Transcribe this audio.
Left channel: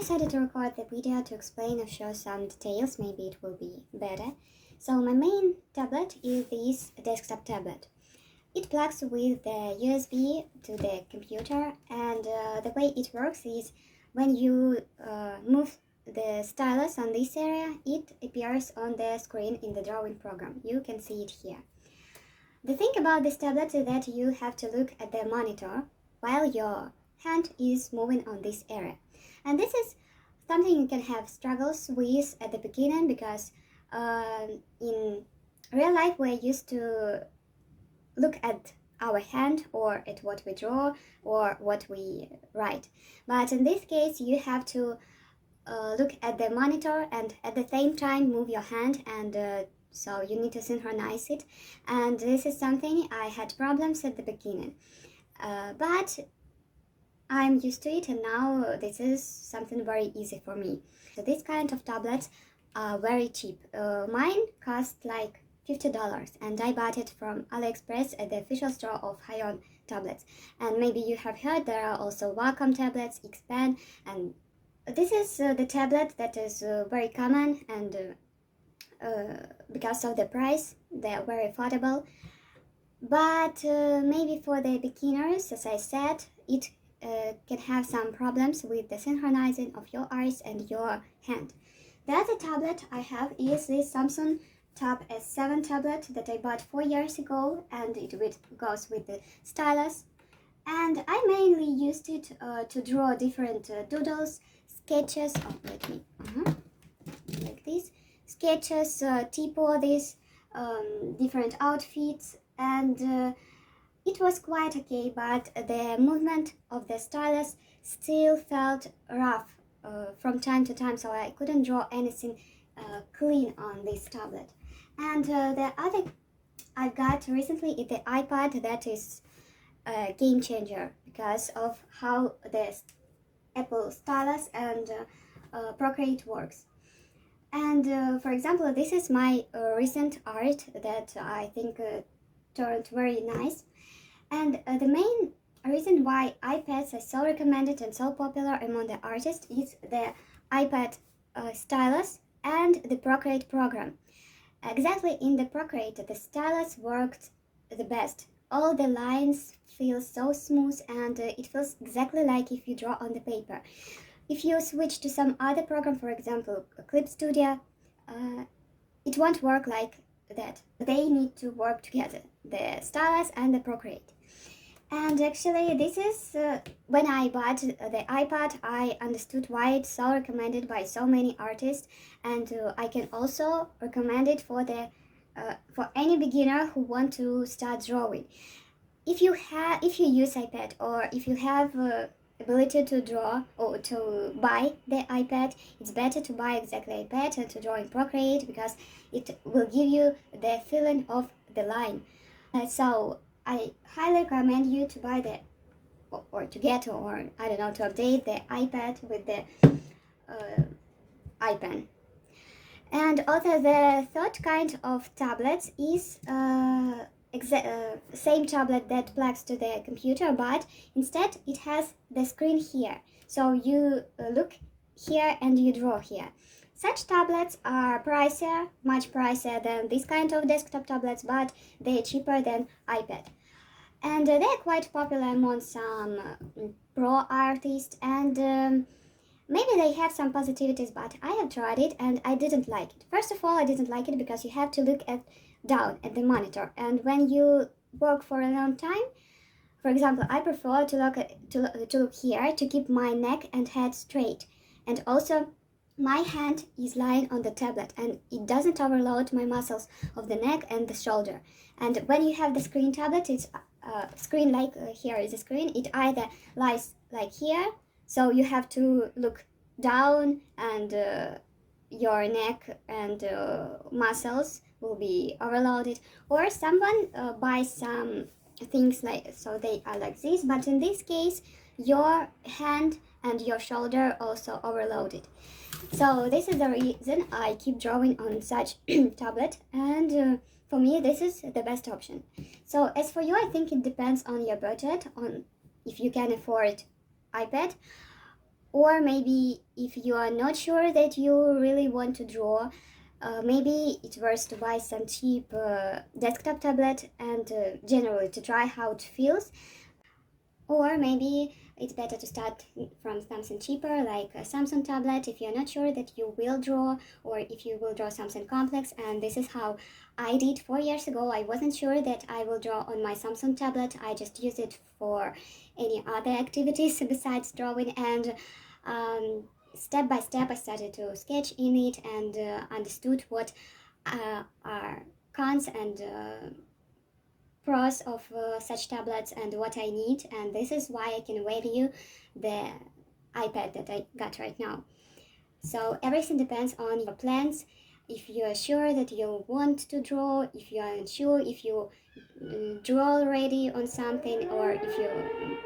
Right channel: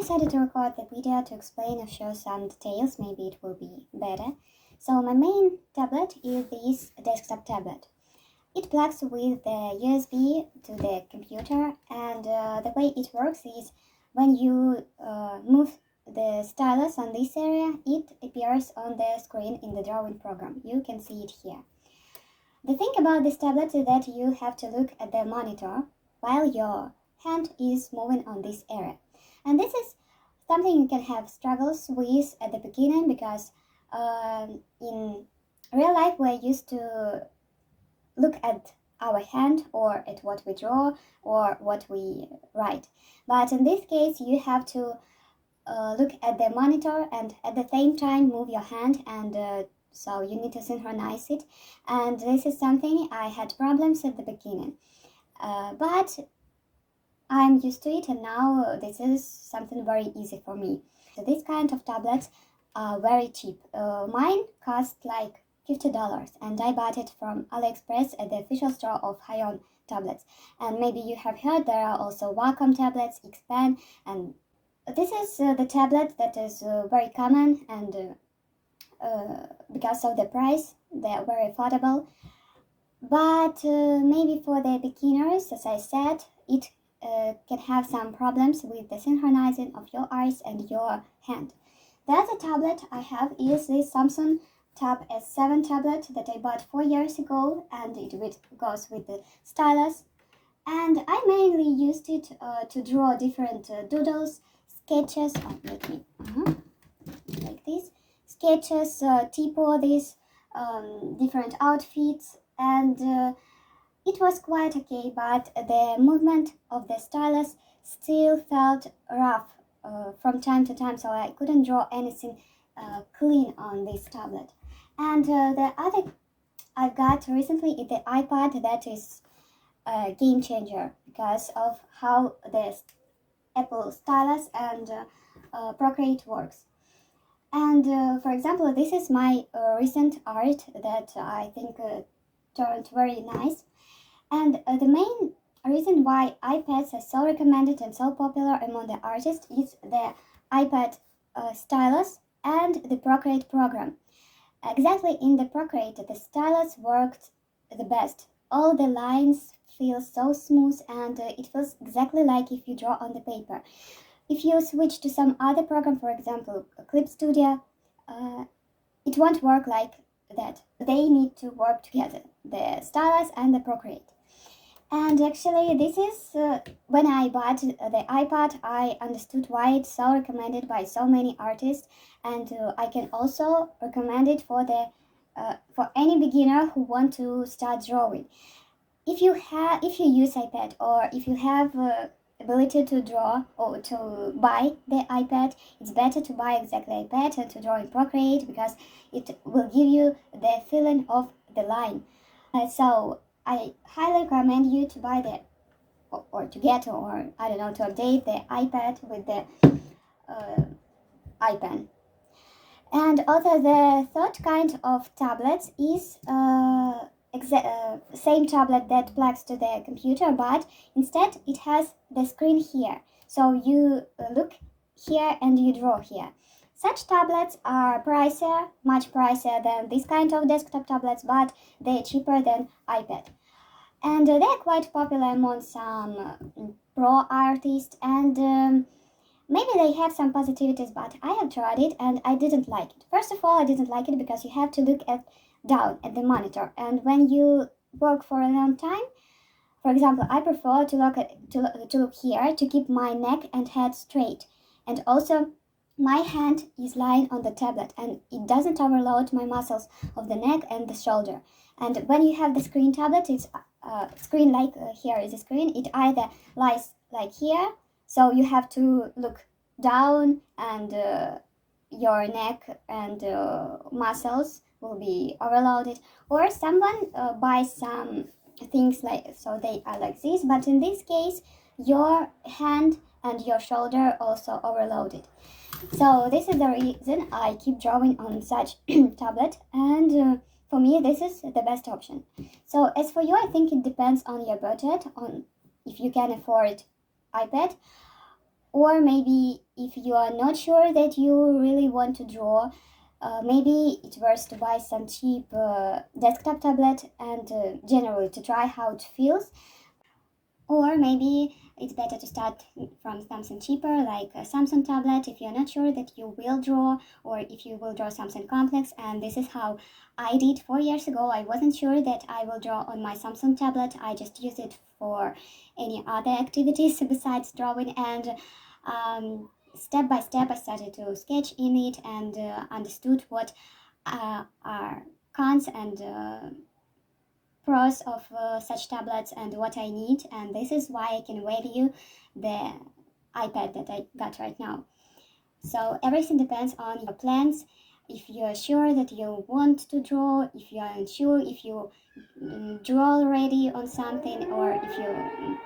decided to record the video to explain or show some details, maybe it will be better. So my main tablet is this desktop tablet. It plugs with the USB to the computer, and the way it works is when you move the stylus on this area, it appears on the screen in the drawing program. You can see it here. The thing about this tablet is that you have to look at the monitor while your hand is moving on this area. And this is something you can have struggles with at the beginning because in real life we're used to look at our hand or at what we draw or what we write. But in this case you have to look at the monitor and at the same time move your hand, and so you need to synchronize it, and this is something I had problems at the beginning, but I'm used to it, and now this is something very easy for me. So this kind of tablets are very cheap. Mine cost like $50, and I bought it from AliExpress at the official store of Haion tablets. And maybe you have heard there are also Wacom tablets, Xpen, and this is the tablet that is very common, and because of the price they are very affordable. But maybe for the beginners, as I said, it can have some problems with the synchronizing of your eyes and your hand. The other tablet I have is this Samsung Tab S7 tablet that I bought 4 years ago, and it goes with the stylus. And I mainly used it to draw different doodles, sketches, like this, sketches, T-poses, different outfits, and it was quite okay, but the movement of the stylus still felt rough from time to time, so I couldn't draw anything clean on this tablet. And the other I got recently is the iPad. That is a game changer because of how the Apple stylus and Procreate works. And for example, this is my recent art that I think turned very nice. And the main reason why iPads are so recommended and so popular among the artists is the iPad stylus and the Procreate program. Exactly, in the Procreate, the stylus worked the best. All the lines feel so smooth, and it feels exactly like if you draw on the paper. If you switch to some other program, for example, Clip Studio, it won't work like that. They need to work together, the stylus and the Procreate. And actually, this is when I bought the iPad, I understood why it's so recommended by so many artists, and I can also recommend it for any beginner who want to start drawing. If you use iPad, or if you have ability to draw or to buy the iPad, it's better to buy exactly iPad and to draw in Procreate because it will give you the feeling of the line. So I highly recommend you to buy or to get, or I don't know, to update the iPad with the iPen. And also the third kind of tablets is same tablet that plugs to the computer, but instead it has the screen here. So you look here and you draw here. Such tablets are pricier, much pricier than this kind of desktop tablets, but they're cheaper than iPad. And they're quite popular among some pro artists, and maybe they have some positivities, but I have tried it and I didn't like it. First of all, I didn't like it because you have to look down at the monitor, and when you work for a long time, for example, I prefer to look here to keep my neck and head straight, and also my hand is lying on the tablet and it doesn't overload my muscles of the neck and the shoulder. And when you have the screen tablet, it's screen like here is a screen, it either lies like here, so you have to look down, and your neck and muscles will be overloaded, or someone buys some things like so they are like this, but in this case your hand and your shoulder also overloaded. So this is the reason I keep drawing on such tablet, and for me this is the best option. So as for you, I think it depends on your budget, on if you can afford iPad Or maybe if you are not sure that you really want to draw, maybe it's worth to buy some cheap desktop tablet and generally to try how it feels. Or maybe it's better to start from something cheaper like a Samsung tablet if you're not sure that you will draw, or if you will draw something complex. And this is how I did 4 years ago. I wasn't sure that I will draw on my Samsung tablet. I just use it for any other activities besides drawing. And step by step, I started to sketch in it and understood what are cons and pros of such tablets and what I need, and this is why I can review the iPad that I got right now. So everything depends on your plans. If you're sure that you want to draw, if you're unsure if you draw already on something, or if you